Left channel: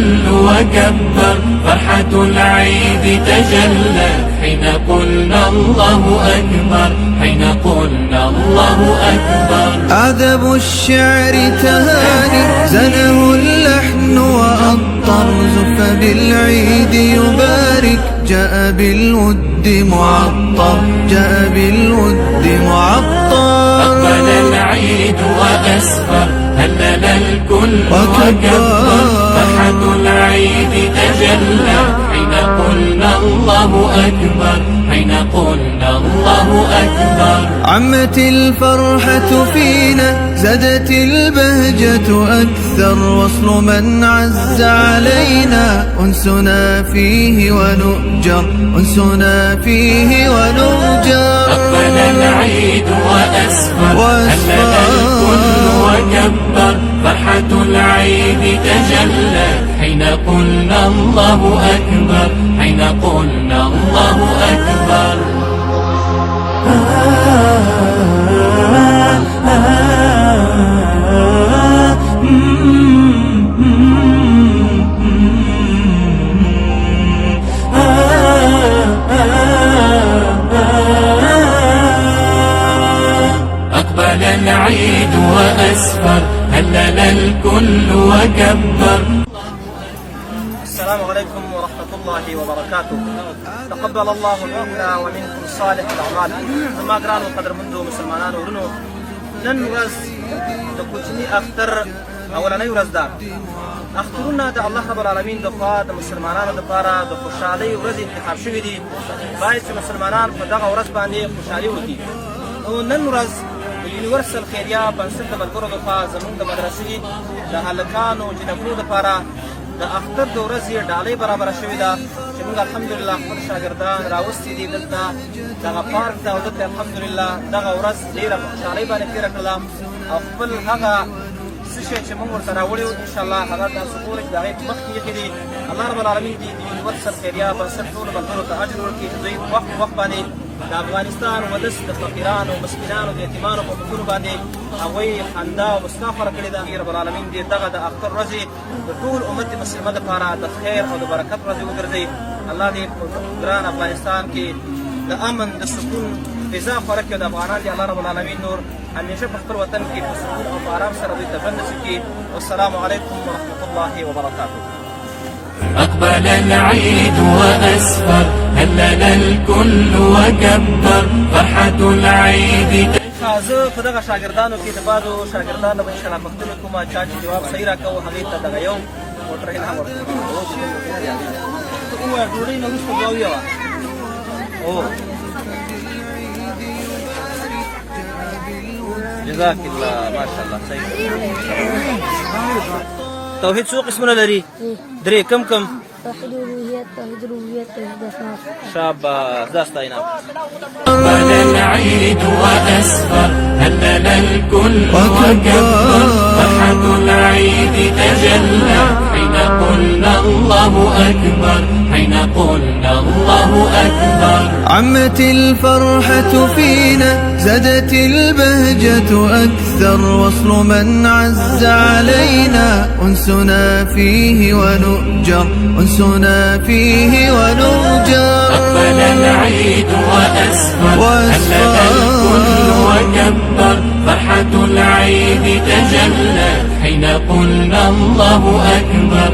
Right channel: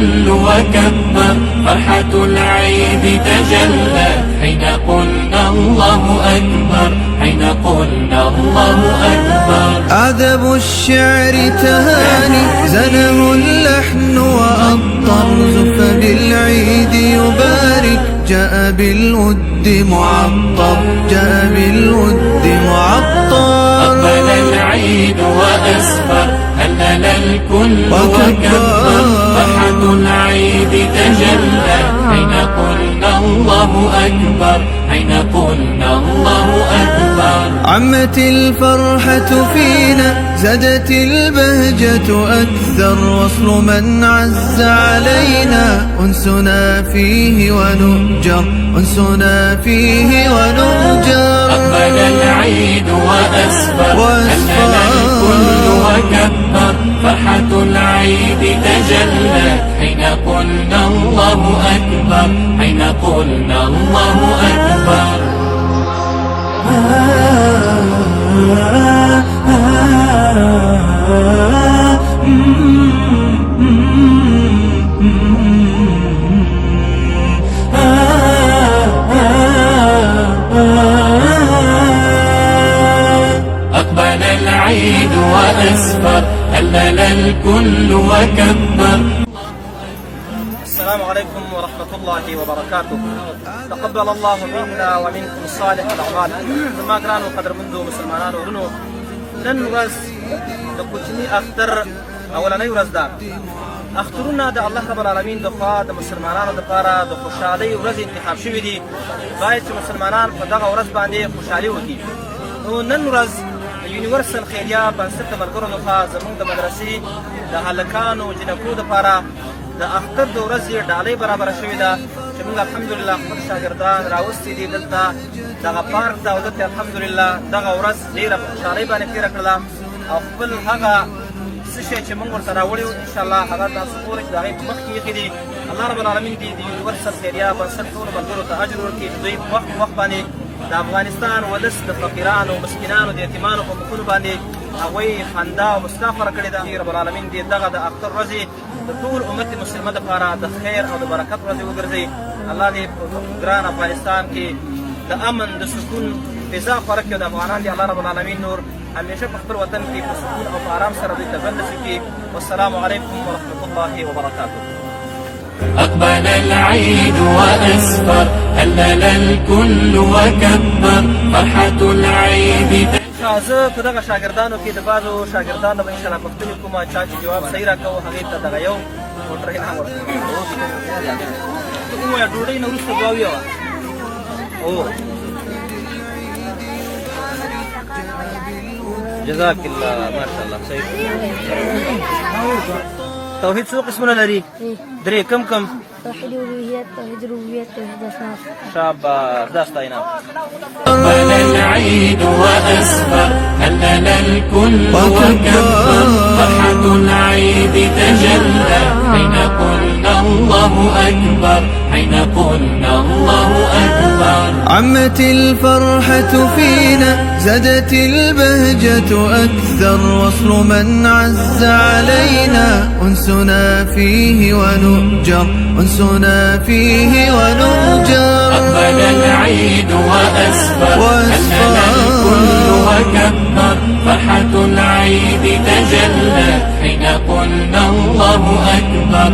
الكل وكبر، فرحة العيد تجلت حين قلنا الله أكبر، حين قلنا الله أكبر. عذب الشعر تهاني زنه اللحن وأطر، زف بالعيد يبارك جاء بالود معطر، جاء بالود معطر. أقبل العيد وأسفر، هلل الكل وكبر، فرحة العيد تجلى حين قلنا الله أكبر، حين قلنا الله أكبر. عمت الفرحة فينا زادت البهجة أكثر، وصل من عز علينا أنسنا فيه ونؤجر، أنسنا فيه ونؤجر. أقبل العيد وأسفر، وكبر، فرحة العيد تجلت حين قلنا الله أكبر، حين قلنا الله أكبر. أقبل العيد وأسفر، هلل الكل وكبر. السلام عليكم ورحمة الله وبركاته. تقبل الله منا ومنكم صالح الأعمال. زما ګرانو قدر مندو مسلمانانو ورونو، نن ورځ د کوچني اختر اولنۍ ورځ ده. اخترونه د الله رب العالمین د خوا د مسلمانانو لپاره د خوشحالۍ ورځ انتخاب شوي دي. باید چې مسلمانان په دغه ورځ باندې خوشحالي وکړي. نو نن ورځ د یونیورسل خیریه بنسټ د ملګرو لخوا زموږ د مدرسې د هلکانو جنکو دپاره د اختر د ورځې ډالۍ برابره شوې ده، چې موږ الحمدلله خپل شاګردان راوستي دي دلته دغه پارک ته، او دلته الحمدلله دغه ورځ ډېره په خوشحالۍ باندې تېره کړله، او خپل هغه څه شی چې موږ ورته راوړي وو انشاءالله هغه تاسو ګورئ چې د هغې په مخ کې ایښي دي. الله رب العالمین دې د یونیورسل خیریه بنسټ ټولو ملګرو ته اجر ورکړي چې دوی په وخت په وخت باندې د افغانستان ولس د فقیرانو مسکینانو د یتیمانو په مخونو باندې هغوی خندا او مسکا خوره کړې ده. رب العالمین دې دغه د اختر ورځې د ټول امت مسلمه دپاره د خیر او د برکت ورځې وګرځوي. الله دې په ګران افغانستان کې د امن د سکون فضا خوره کړي، او د افغانان دې الله رب العالمین نور همیشه په خپل وطن کې په سکون او په آرام سره دوی ته ژوند نصیب کړي. والسلام علیکم ورحمة الله وبرکاته. أقبل العيد وأسفر، هلل الكل وكبر، فرحة العيد. زه په دغه شاګردانو کې د بعضو شاګردانو به انشاءالله پوښتنې کوم، چا چې جواب صحیح راکوو هغې ته دغه یو موټر انعام ورکوو. ته ووایه ډوډۍ نه وروسته دوه ویوه. جزاک الله، ماشاءالله صحیح. توحید څو قسمونه لري؟ درې. کم کم؟ توحید الوهیت، توحید ربوبیت، توحید اسماء. شاباش، دا ستا انعام. أقبل العيد وأسفر، هلل الكل وكبر، فرحة العيد تجلى حين قلنا الله أكبر، حين قلنا الله أكبر. عمت الفرحة فينا زادت البهجة أكثر، وصل من عز علينا أنسنا فيه ونؤجر، أنسنا فيه ونؤجر. أقبل العيد وأسفر، وكبر، فرحة العيد تجلت حين قلنا الله أكبر،